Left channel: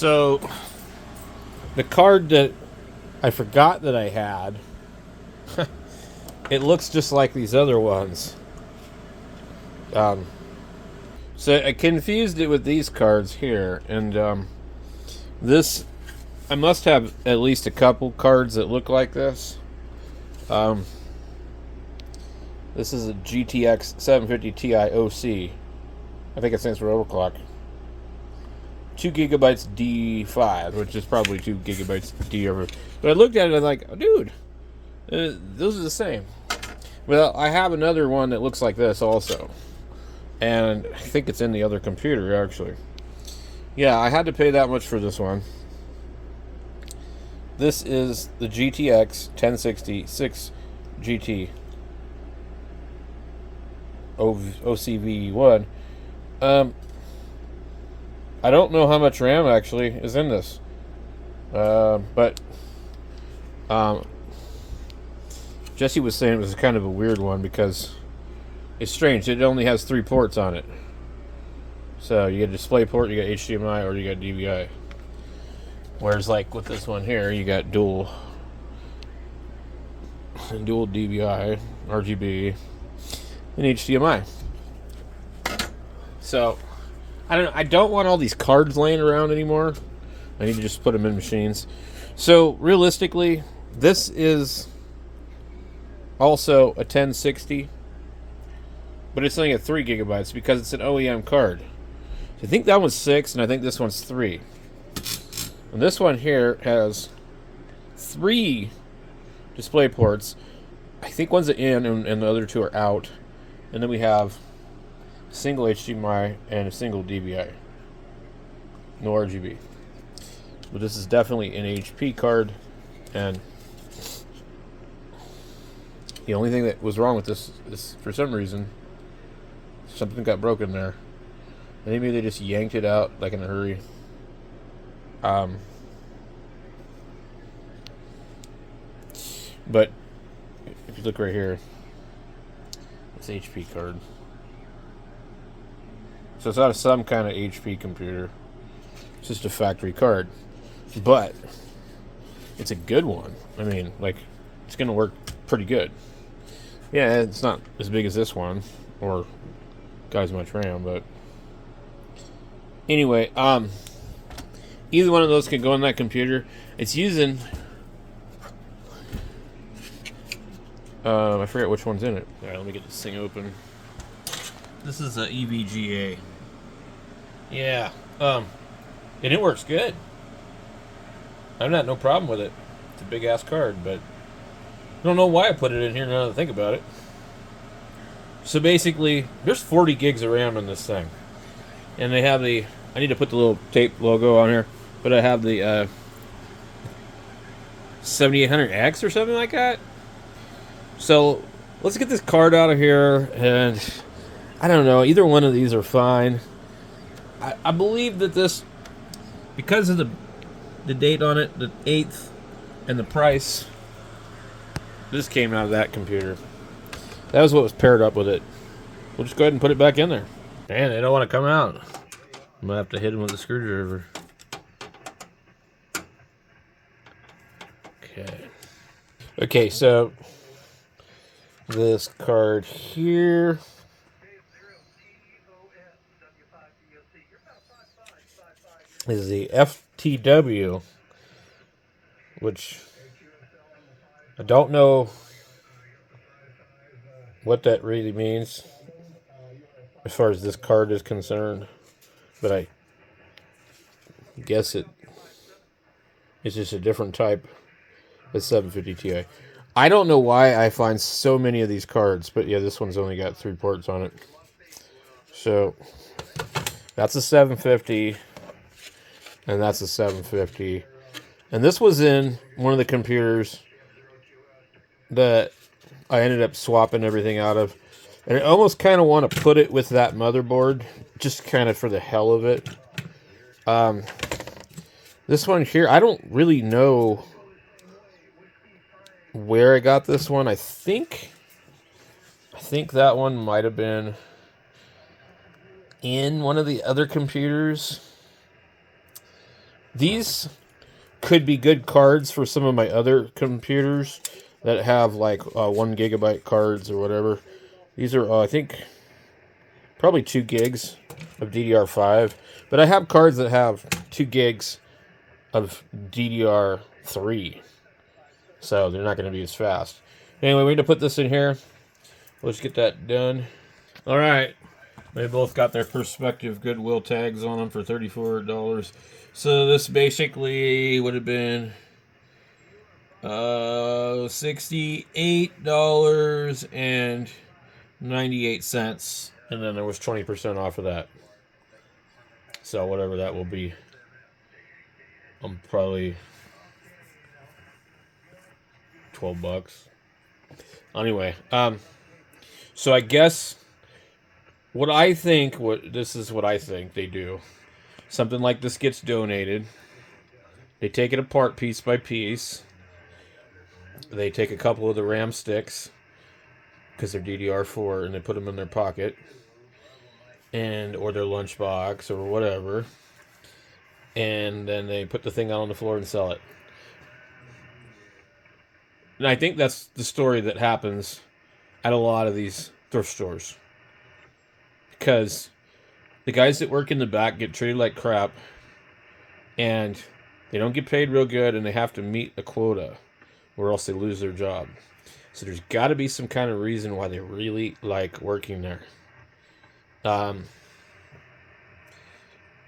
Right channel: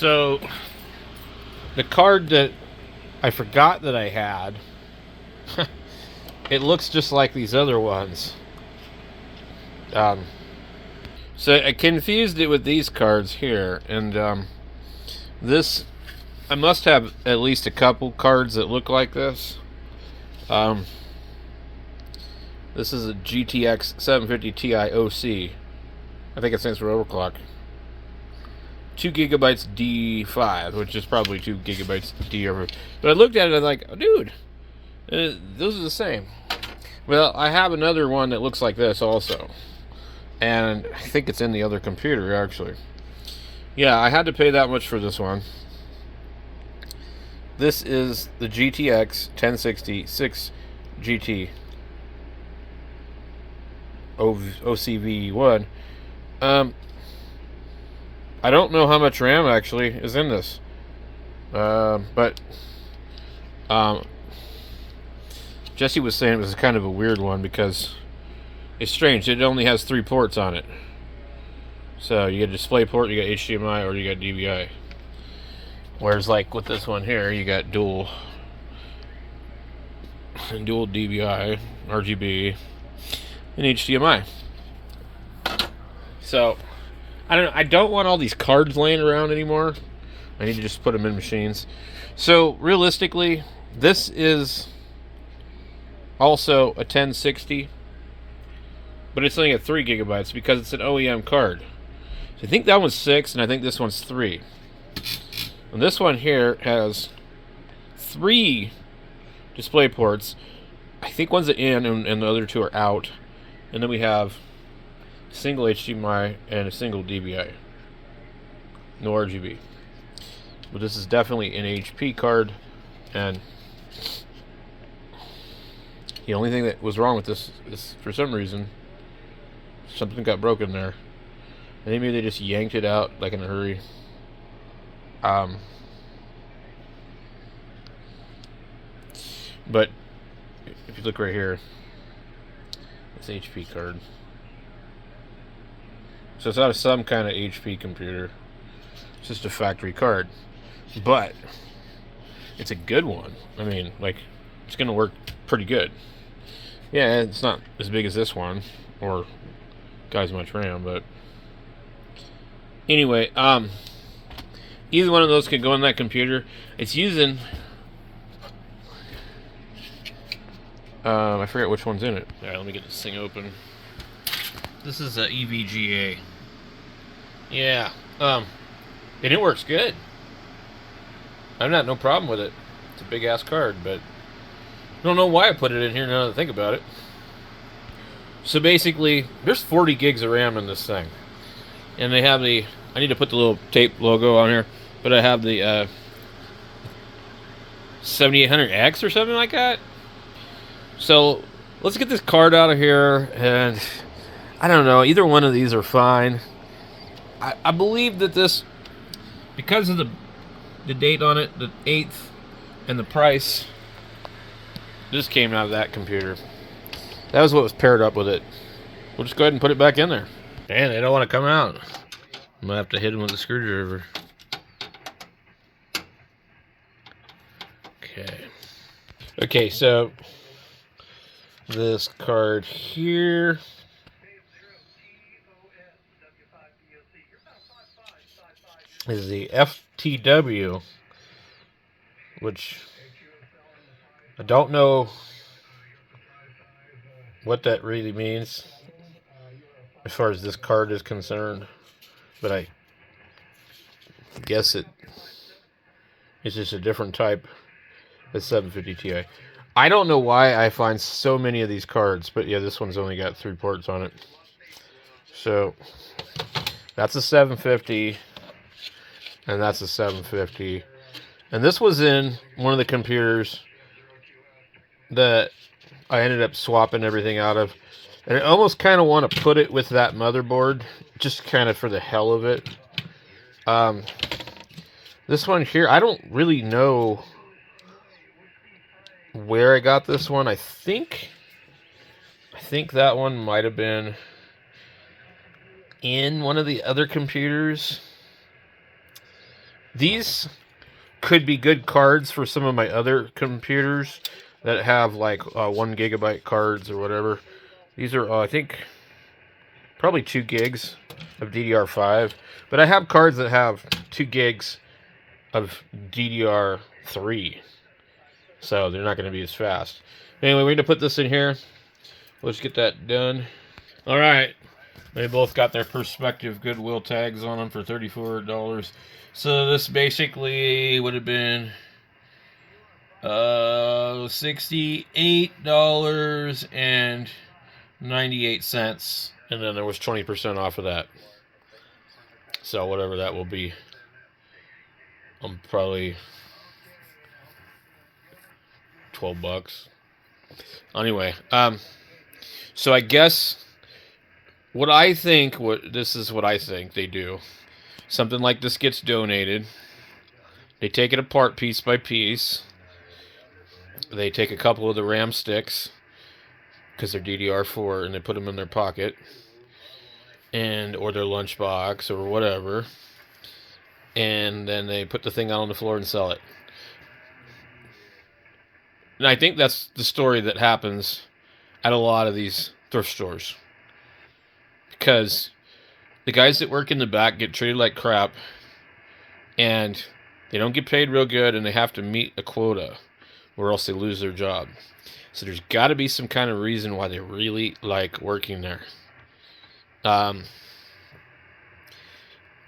So, the card that I forgot that I had, it looks just like these other ones. So I confused it with these cards here, and this, I must have at least a couple cards that look like this. This is a GTX 750 Ti OC. I think it stands for overclock. 2 gigabytes D5, which is probably 2 gigabytes D over. But I looked at it and I'm like, oh, dude, those are the same. Well, I have another one that looks like this also. And I think it's in the other computer, actually. Yeah, I had to pay that much for this one. This is the GTX 1060 6 GT OCV1. I don't know how much RAM actually is in this. But Jesse was saying it was kind of a weird one because it's strange. It only has 3 ports on it. So you get a display port, you got HDMI, or you got DVI. Whereas like with this one here, you got dual DVI, RGB, and HDMI. So I don't want all these cards laying around anymore. I need to just put them in machines. So realistically, this is also a 1060, but it's only at 3 gigabytes because it's an OEM card. So I think that one's 6, and I think this one's 3. And this one here has 3 display ports. I think one's in and the other 2 are out. And then we have a single HDMI and a single DVI. No RGB. But this is definitely an HP card. And the only thing that was wrong with this is, for some reason, something got broken there. I think maybe they just yanked it out like in a hurry. But if you look right here, it's an HP card. So it's not some kind of HP computer. It's just a factory card. But it's a good one. I mean, like, it's going to work pretty good. Yeah, it's not as big as this one, or got as much RAM, but anyway, either one of those could go on that computer. It's using, I forget which one's in it. All right, let me get this thing open. This is a EVGA. Yeah, and it works good. I've got no problem with it. It's a big ass card, but I don't know why I put it in here now that I think about it. So basically, there's 40 gigs of RAM in this thing. And they have the, I need to put the little tape logo on here, but I have the 7800X or something like that. So let's get this card out of here, and I don't know, either one of these are fine. I believe that this, because of the date on it, the 8th, and the price, this came out of that computer. That was what was paired up with it. We'll just go ahead and put it back in there. Man, they don't want to come out. I'm going to have to hit them with a screwdriver. Okay. Okay, so this card here is the FTW, which I don't know what that really means as far as this card is concerned, but I guess it's just a different type of 750 Ti. I don't know why I find so many of these cards, but yeah, this one's only got 3 ports on it. So that's a 750, and that's a 750. And this was in one of the computers that I ended up swapping everything out of. And I almost kind of want to put it with that motherboard, just kind of for the hell of it. This one here, I don't really know where I got this one. I think that one might have been in one of the other computers. These could be good cards for some of my other computers that have like 1 gigabyte cards or whatever. These are, I think, probably 2 gigs of DDR5. But I have cards that have 2 gigs of DDR3. So they're not going to be as fast. Anyway, we're going to put this in here. Let's get that done. All right. They both got their Perspective Goodwill tags on them for $34. So this basically would have been $68.98. And then there was 20% off of that. So whatever that will be. I'm probably $12. Anyway, so I guess this is what I think they do. Something like this gets donated. They take it apart piece by piece. They take a couple of the RAM sticks, because they're DDR4, and they put them in their pocket, or their lunchbox, or whatever. And then they put the thing out on the floor and sell it. And I think that's the story that happens at a lot of these thrift stores. Because the guys that work in the back get treated like crap, and they don't get paid real good, and they have to meet a quota, or else they lose their job. So there's got to be some kind of reason why they really like working there. But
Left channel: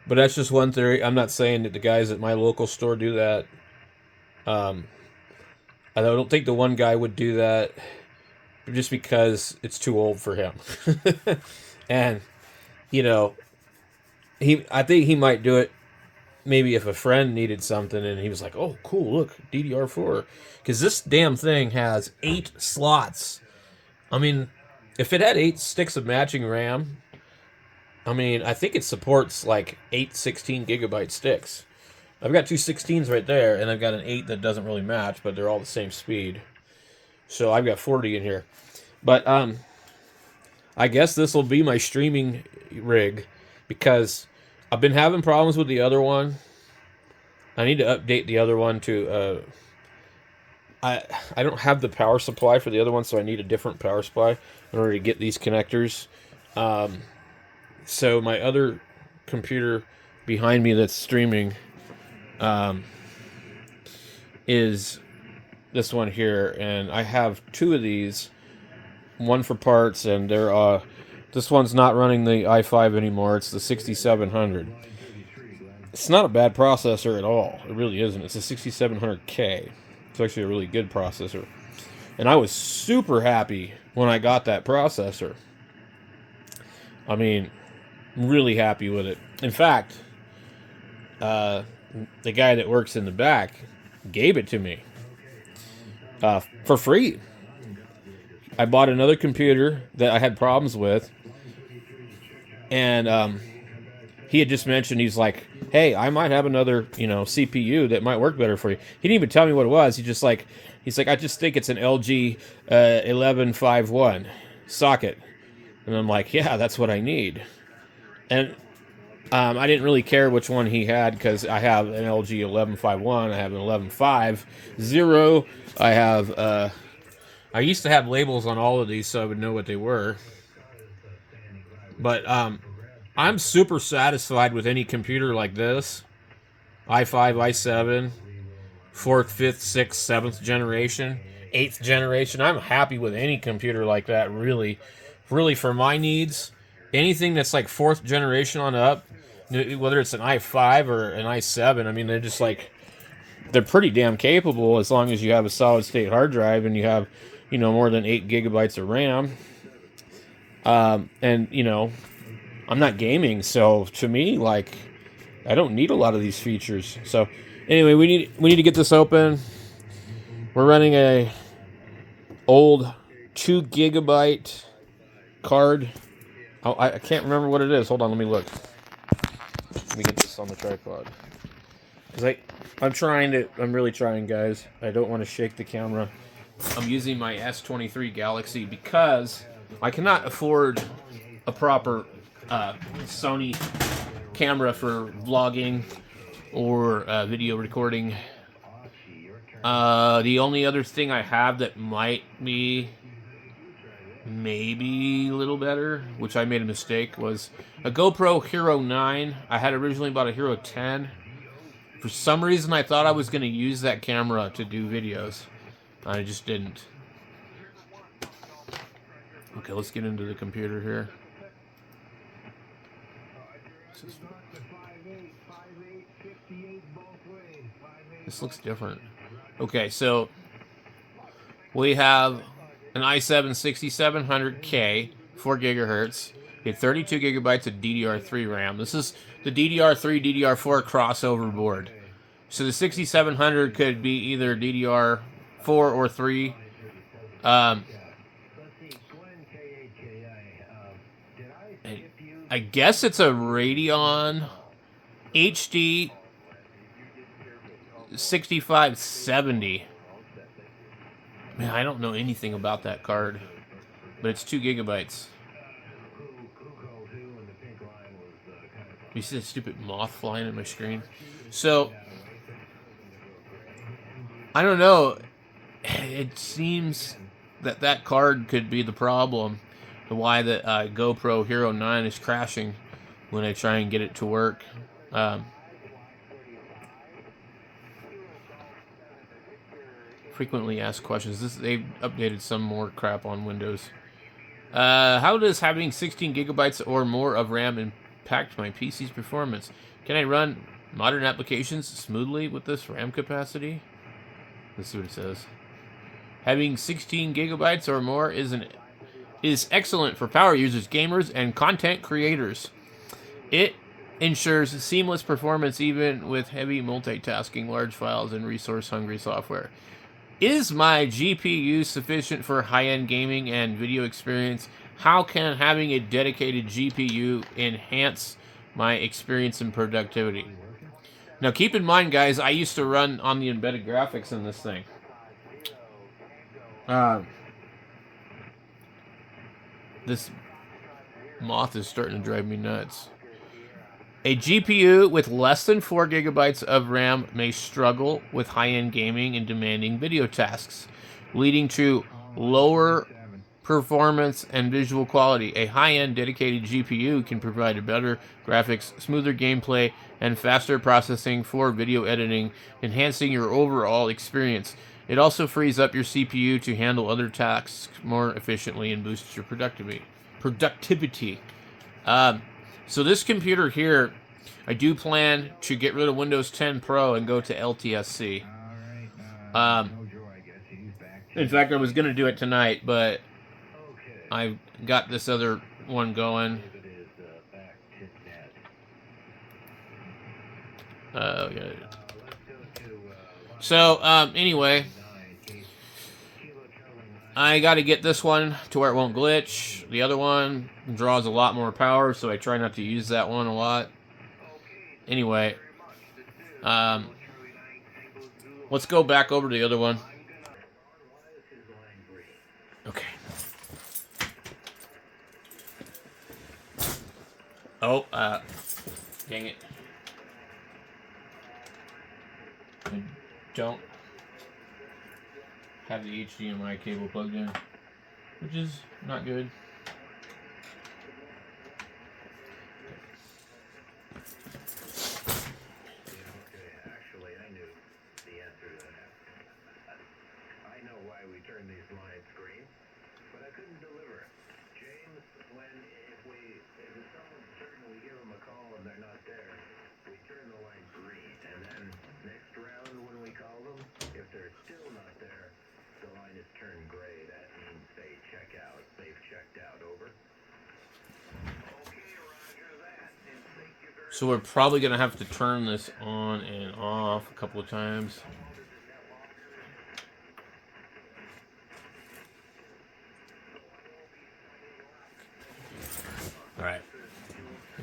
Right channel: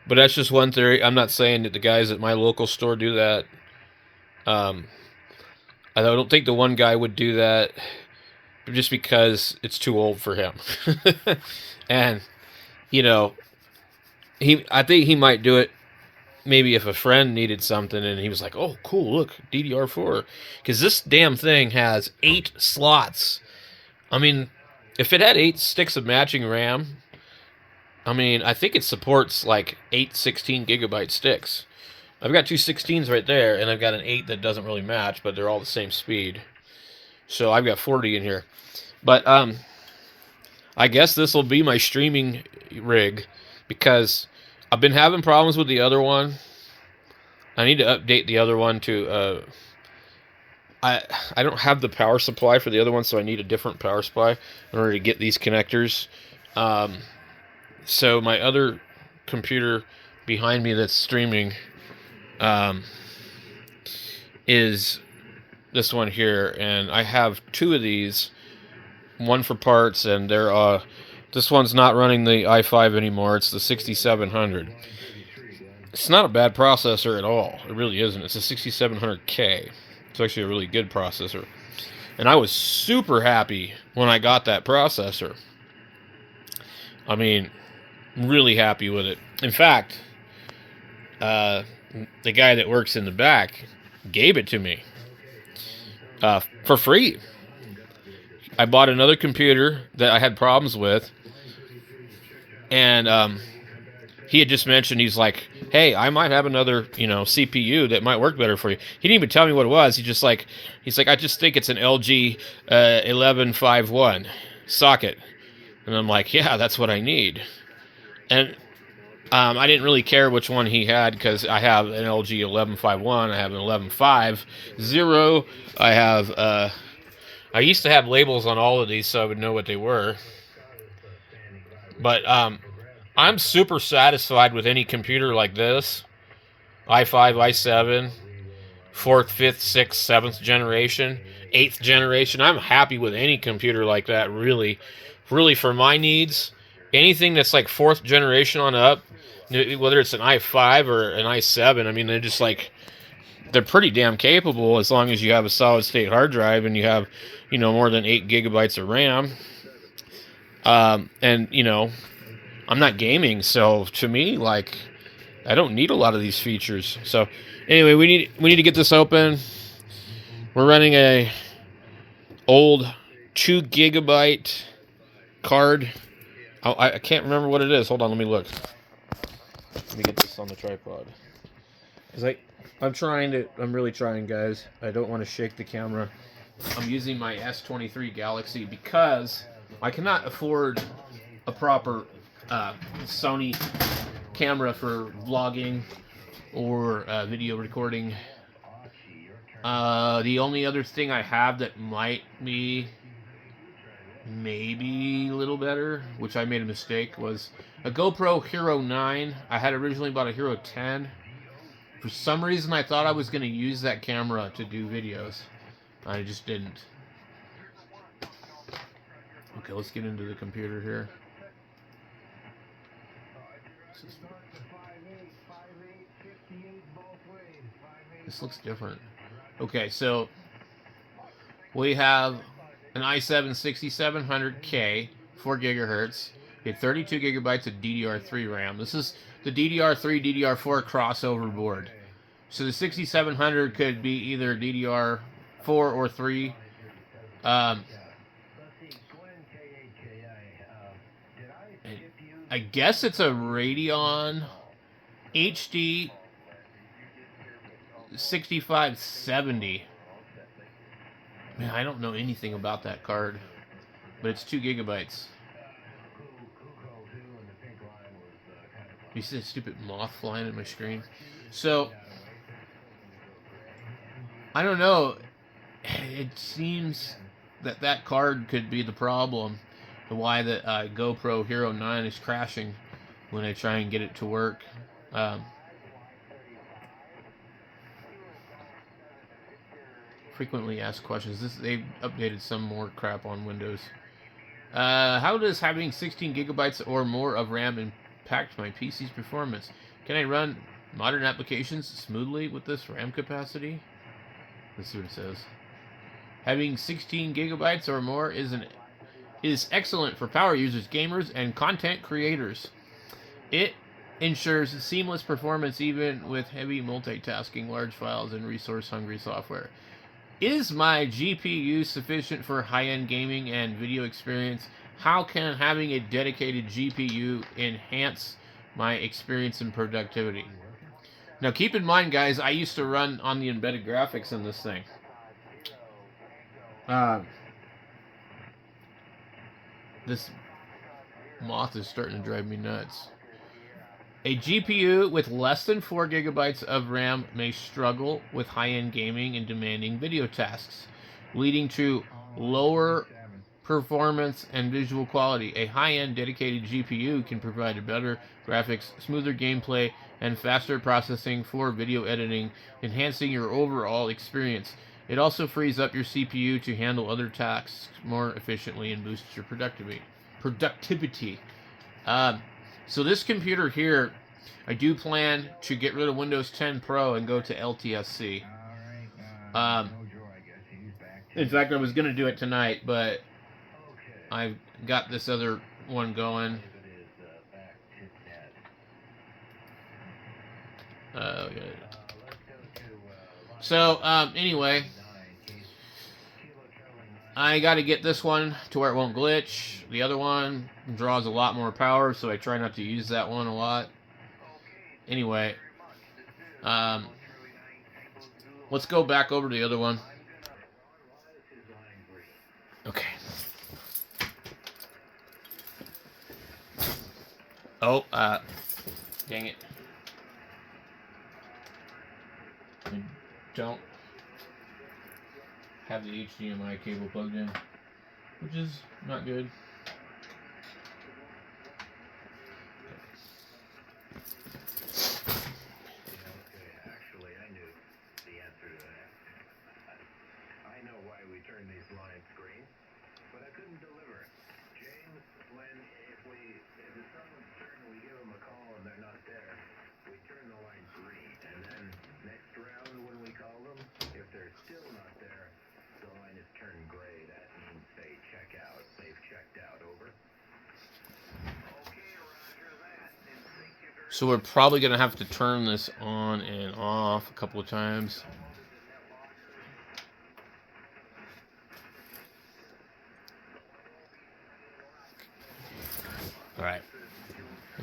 that's just one theory. I'm not saying that the guys at my local store do that. I don't think the one guy would do that just because it's too old for him. And, you know, I think he might do it maybe if a friend needed something and he was like, oh, cool, look, DDR4. Because this damn thing has 8 slots. I mean, if it had 8 sticks of matching RAM, I mean, I think it supports like 8 16 gigabyte sticks. I've got 2 16s right there, and I've got an 8 that doesn't really match, but they're all the same speed. So I've got 40 in here. But I guess this will be my streaming rig, because I've been having problems with the other one. I need to update the other one to... I don't have the power supply for the other one, so I need a different power supply in order to get these connectors. So my other computer behind me that's streaming is this one here, and I have 2 of these, one for parts, and they're this one's not running the i5 anymore. It's the 6700. It's not a bad processor at all. It really isn't. It's a 6700K. It's actually a really good processor, and I was super happy when I got that processor. I mean, really happy with it. In fact, the guy that works in the back gave it to me for free. I bought another computer that I had problems with, and he had just mentioned, he's like, hey, I might have another, CPU that might work better for you. He didn't even tell me what it was. He's like, I just think it's an LG 1151 socket. And I'm like, yeah, that's what I need. And I didn't really care which one he had, because I have an LG 1151, I have an 1150, I have, I used to have labels on all of these so I would know what they were. But I'm super satisfied with any computer like this. i5, i7, 4th, 5th, 6th, 7th generation, 8th generation. I'm happy with any computer like that, really. Really, for my needs, anything that's like 4th generation on up, whether it's an i5 or an i7, I mean, they're pretty damn capable as long as you have a solid state hard drive and you have, more than 8 gigabytes of RAM. And, I'm not gaming, so to me, I don't need a lot of these features. So anyway, we need to get this open. We're running a old 2 gigabyte card. I can't remember what it is. Hold on, let me look. Let me get this on the tripod. Because I'm really trying, guys. I don't want to shake the camera. I'm using my S23 Galaxy because I cannot afford a proper Sony camera for vlogging or video recording. The only other thing I have that might be maybe a little better, which I made a mistake, was a GoPro Hero 9. I had originally bought a Hero 10. For some reason, I thought I was going to use that camera to do videos. I just didn't. Okay, let's get into the computer here. This looks different. Okay, so we have an i7-7700K, 4 gigahertz. We have 32 gigabytes of DDR3 RAM. This is the DDR3, DDR4 crossover board. So the 6700 could be either DDR4 or 3. I guess it's a Radeon HD 6570. Man, I don't know anything about that card, but it's 2 gigabytes. You see that stupid moth flying in my screen? So, I don't know. It seems that that card could be the problem. Why the GoPro Hero 9 is crashing when I try and get it to work. Frequently asked questions. They've updated some more crap on Windows. How does having 16 gigabytes or more of RAM impact my PC's performance? Can I run modern applications smoothly with this RAM capacity? Let's see what it says. Having 16 gigabytes or more is excellent for power users, gamers, and content creators. It ensures seamless performance even with heavy multitasking, large files, and resource-hungry software. Is my GPU sufficient for high-end gaming and video experience? How can having a dedicated GPU enhance my experience and productivity? Now, keep in mind, guys, I used to run on the embedded graphics in this thing. This moth is starting to drive me nuts. A GPU with less than 4 gigabytes of RAM may struggle with high-end gaming and demanding video tasks, leading to lower performance and visual quality. A high-end dedicated GPU can provide a better graphics, smoother gameplay, and faster processing for video editing, enhancing your overall experience. It also frees up your CPU to handle other tasks more efficiently and boosts your productivity. So this computer here, I do plan to get rid of Windows 10 Pro and go to LTSC. In fact, I was going to do it tonight, but I got this other one going. So, anyway, I got to get this one to where it won't glitch. The other one draws a lot more power, so I try not to use that one a lot. Anyway, let's go back over to the other one. Okay. Oh, dang it. I don't have the HDMI cable plugged in, which is not good. Actually, I knew the answer to that. I know why we turned these lines green, but I couldn't deliver. James, if someone's certain we give them a call and they're not there, we turn the line green, and then next round when we call them, if they're still not there, the line is turned gray. That means they check out. They've checked out. Over. Okay, roger that. So we're probably going to have to turn this on and off a couple of times. All right.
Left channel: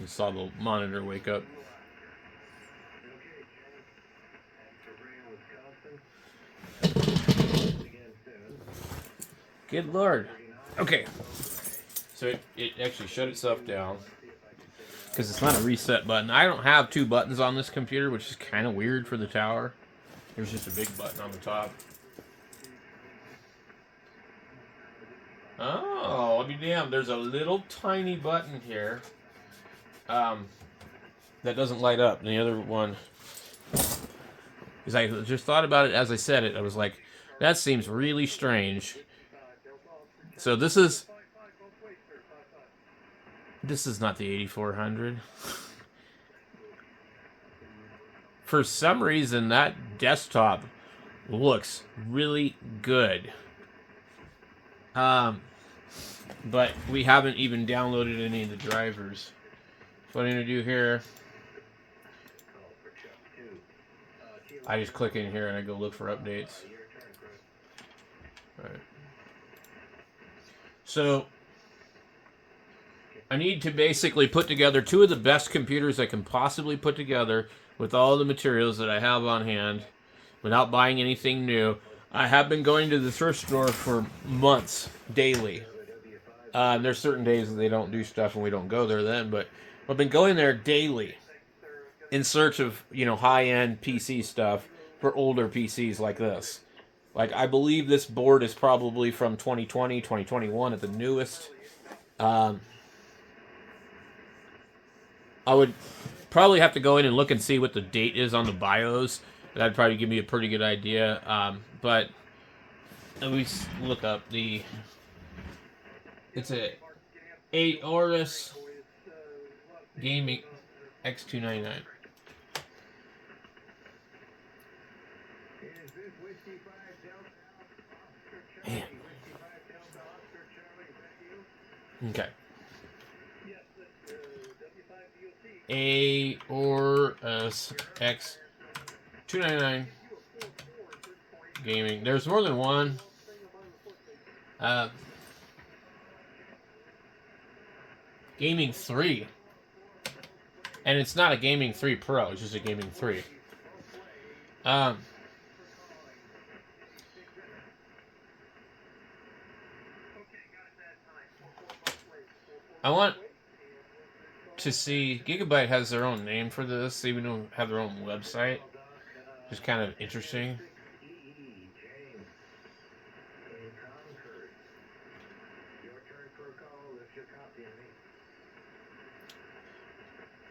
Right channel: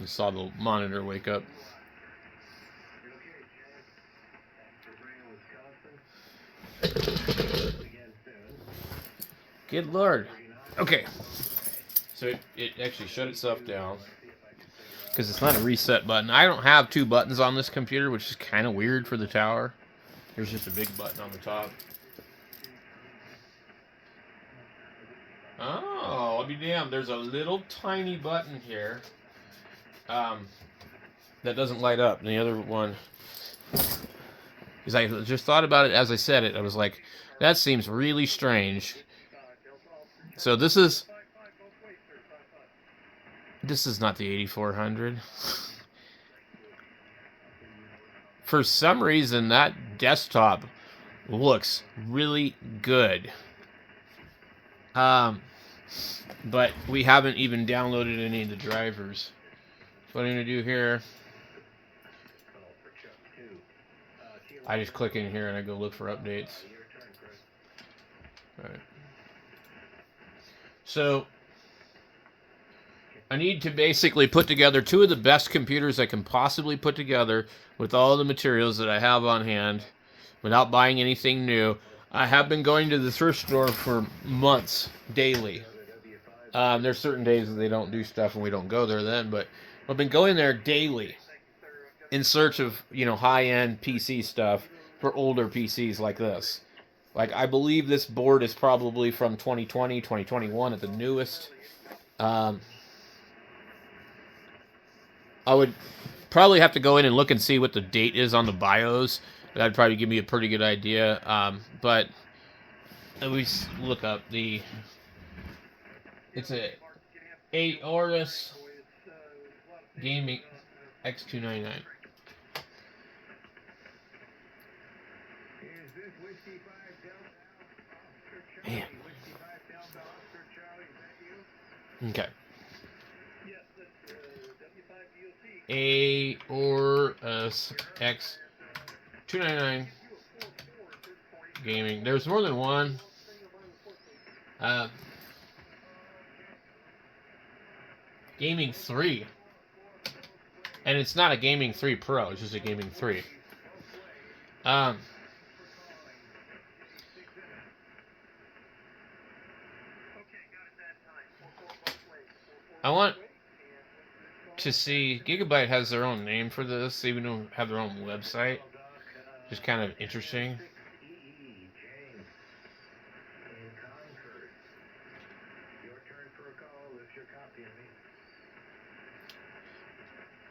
I saw the monitor wake up. Good Lord. Okay. So it actually shut itself down. because it's not a reset button. I don't have two buttons on this computer, which is kind of weird for the tower. There's just a big button on the top. Oh, I'll be damned. There's a little tiny button here that doesn't light up. And the other one, because I just thought about it as I said it. I was like, that seems really strange. So this is not the 8400. For some reason, that desktop looks really good. But we haven't even downloaded any of the drivers. So what I'm going to do here, I just click in here and I go look for updates. All right. So I need to basically put together two of the best computers I can possibly put together with all the materials that I have on hand without buying anything new. I have been going to the thrift store for months, daily. There's certain days that they don't do stuff and we don't go there then, but I've been going there daily in search of, high-end PC stuff for older PCs like this. Like, I believe this board is probably from 2020, 2021 at the newest. I would probably have to go in and look and see what the date is on the BIOS. That'd probably give me a pretty good idea. But let me look up the... It's a Aorus Gaming x299. Man. Okay. Aorus x299 Gaming. There's more than one. Gaming 3. And it's not a Gaming 3 Pro, it's just a Gaming 3. I want to see, Gigabyte has their own name for this, they even don't have their own website. Just kind of interesting.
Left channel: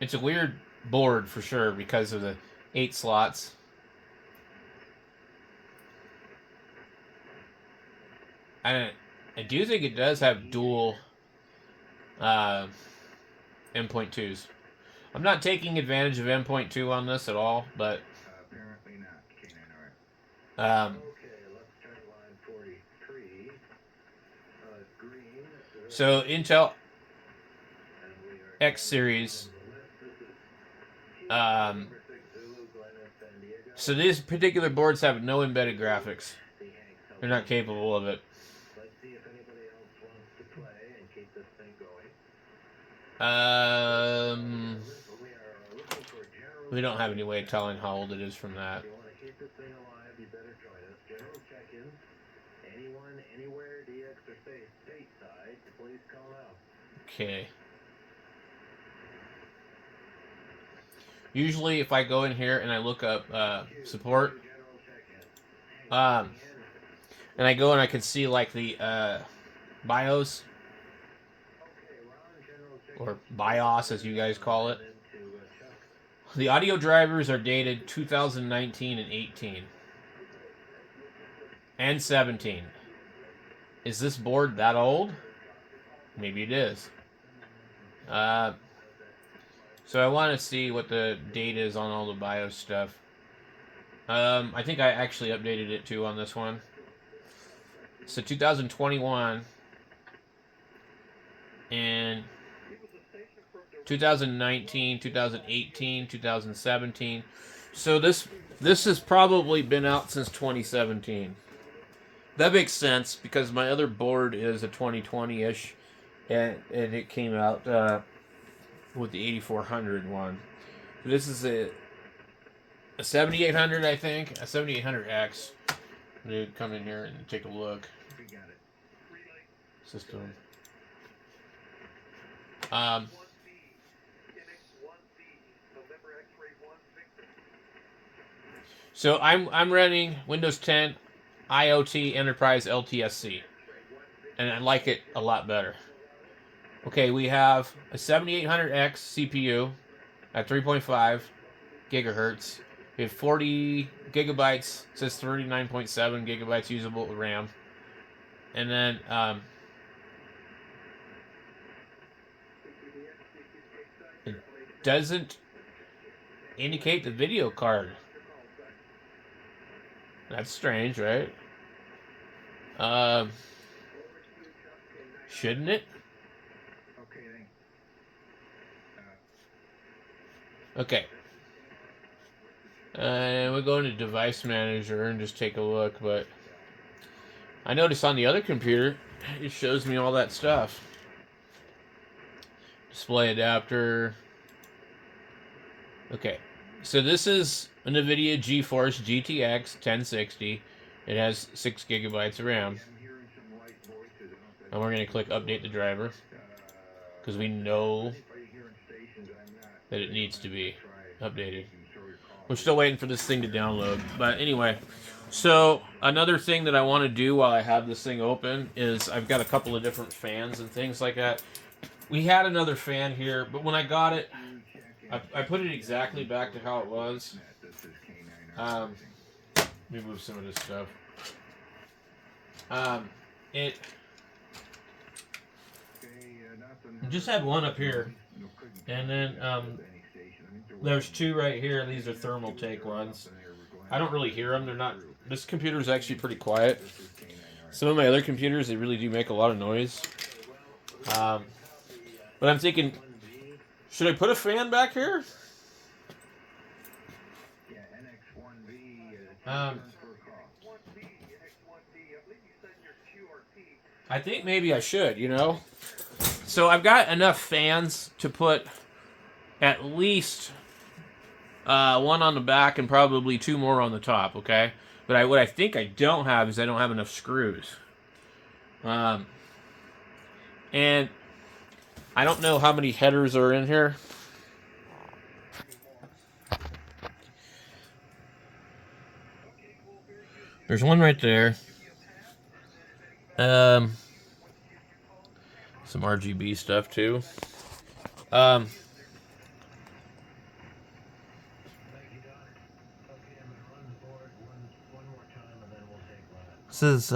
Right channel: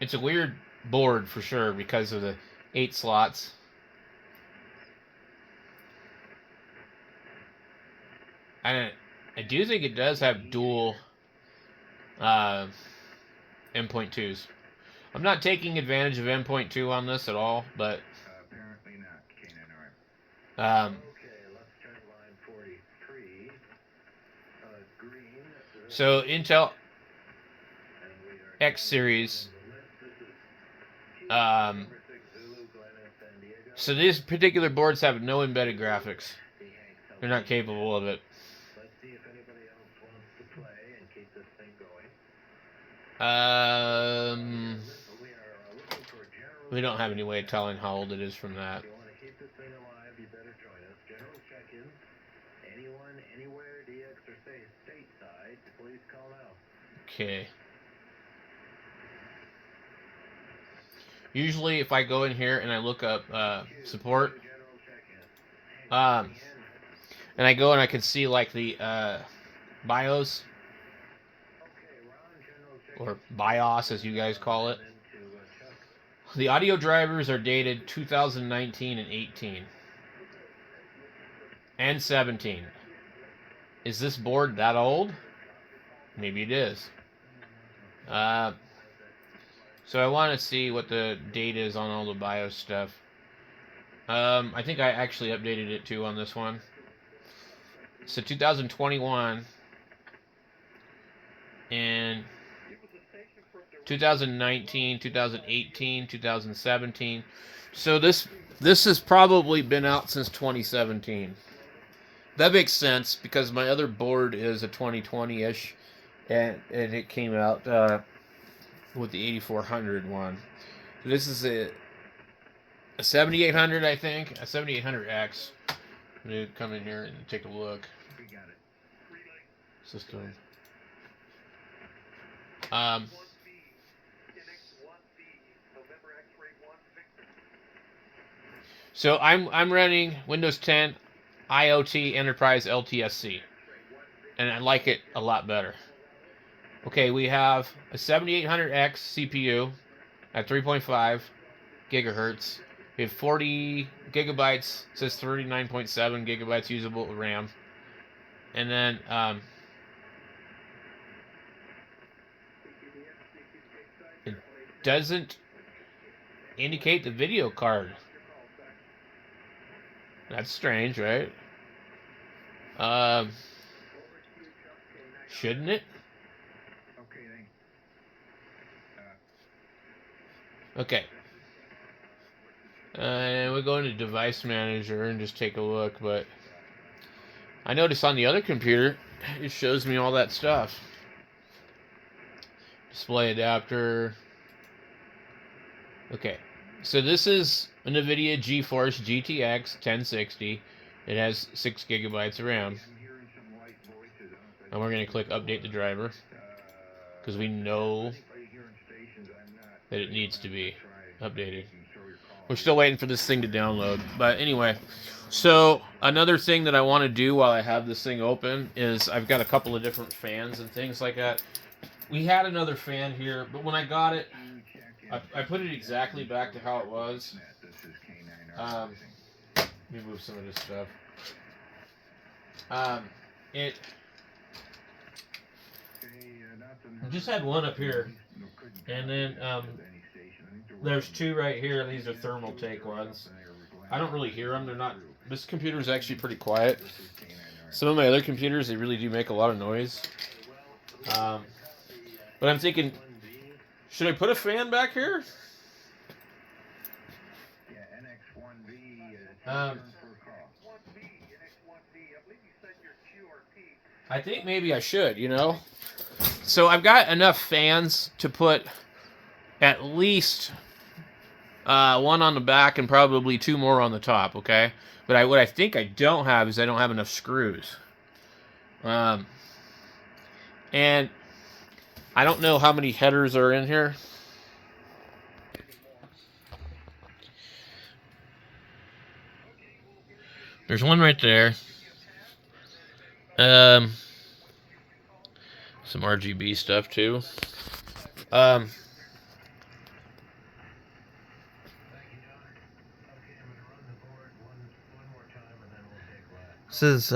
It's a weird board for sure because of the 8 slots. And I do think it does have dual M.2s. I'm not taking advantage of M.2 on this at all, but Apparently not. Okay, let's turn line 43. Green. So Intel X series. So these particular boards have no embedded graphics. They're not capable of it. Let's see if anybody else wants to play and keep this thing going. We don't have any way of telling how old it is from that. If you want to keep this thing alive, you better join us. General check-ins. Anyone, anywhere, DX or stateside, please call out. Okay. Usually if I go in here and I look up support, and I go and I can see like the BIOS, or BIOS as you guys call it. The audio drivers are dated 2019 and 18. And 17. Is this board that old? Maybe it is. So I want to see what the date is on all the BIOS stuff. I think I actually updated it too on this one. So 2021 and 2019, 2018, 2017. So this has probably been out since 2017. That makes sense because my other board is a 2020-ish, and it came out with the 8400 one. So this is a 7800, I think, a 7800x. I'm gonna come in here and take a look. System. So I'm running Windows 10 IoT Enterprise LTSC, and I like it a lot better. Okay, we have a 7800X CPU at 3.5 gigahertz. We have 40 gigabytes. It says 39.7 gigabytes usable RAM, and then it doesn't indicate the video card. That's strange, right? Shouldn't it? Okay. And we'll go into Device Manager and just take a look, but I noticed on the other computer, it shows me all that stuff. Display adapter. Okay. So this is a NVIDIA GeForce GTX 1060. It has 6 gigabytes of RAM. And we're going to click Update the driver, because we know that it needs to be updated. We're still waiting for this thing to download. But anyway, so another thing that I want to do while I have this thing open is I've got a couple of different fans and things like that. We had another fan here, but when I got it, I put it exactly back to how it was. Let me move some of this stuff. It just had one up here, and then there's two right here. These are thermal take ones. I don't really hear them. They're not. This computer is actually pretty quiet. Some of my other computers, they really do make a lot of noise. But I'm thinking, should I put a fan back here? I think maybe I should, you know? So I've got enough fans to put at least one on the back and probably 2 more on the top, okay? But what I think I don't have is I don't have enough screws. And I don't know how many headers are in here. There's one right there. Some RGB stuff too. This is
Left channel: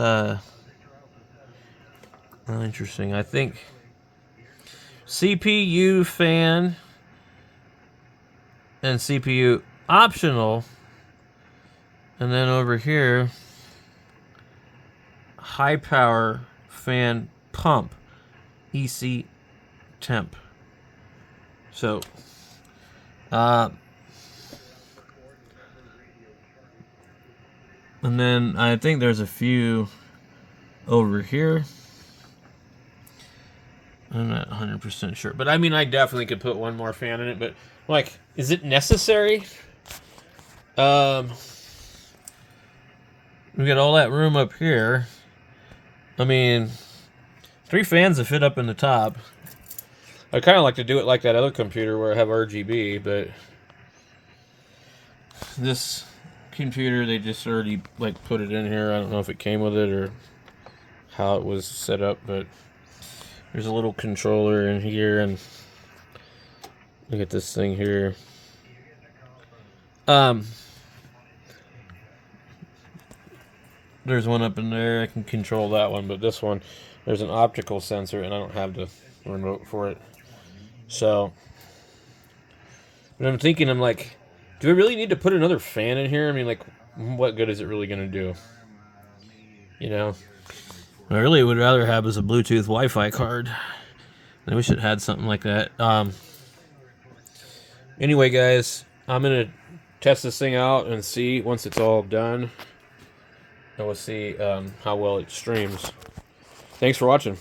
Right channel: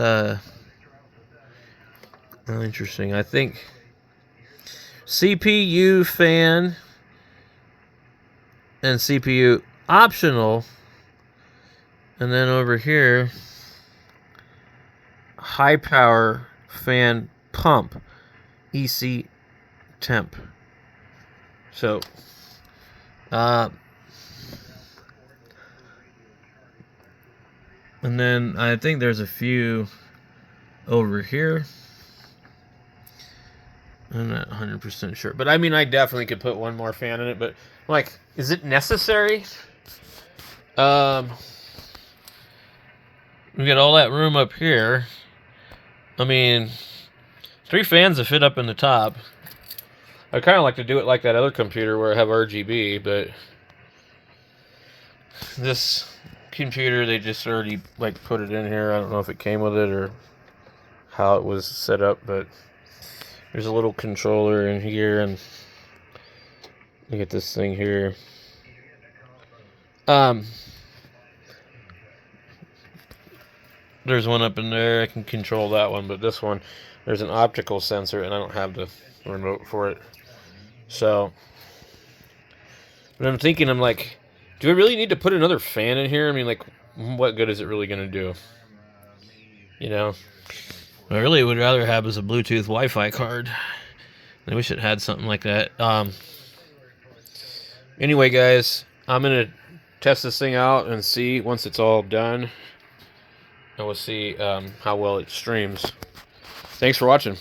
interesting. I think CPU fan and CPU optional, and then over here high power fan pump EC temp. So and then I think there's a few over here. I'm not 100% sure, but I mean, I definitely could put one more fan in it, but like, is it necessary? We got all that room up here. I mean, 3 fans to fit up in the top. I kind of like to do it like that other computer where I have RGB, but this computer, they just already like put it in here. I don't know if it came with it or how it was set up, but there's a little controller in here, and look at this thing here. There's one up in there. I can control that one, but this one, there's an optical sensor, and I don't have the remote for it. So, but I'm thinking, I'm like, do I really need to put another fan in here? I mean, like, what good is it really going to do? You know? What I really would rather have is a Bluetooth Wi-Fi card. I wish it had something like that. Anyway, guys, I'm going to test this thing out and see once it's all done. And we'll see how well it streams. Thanks for watching.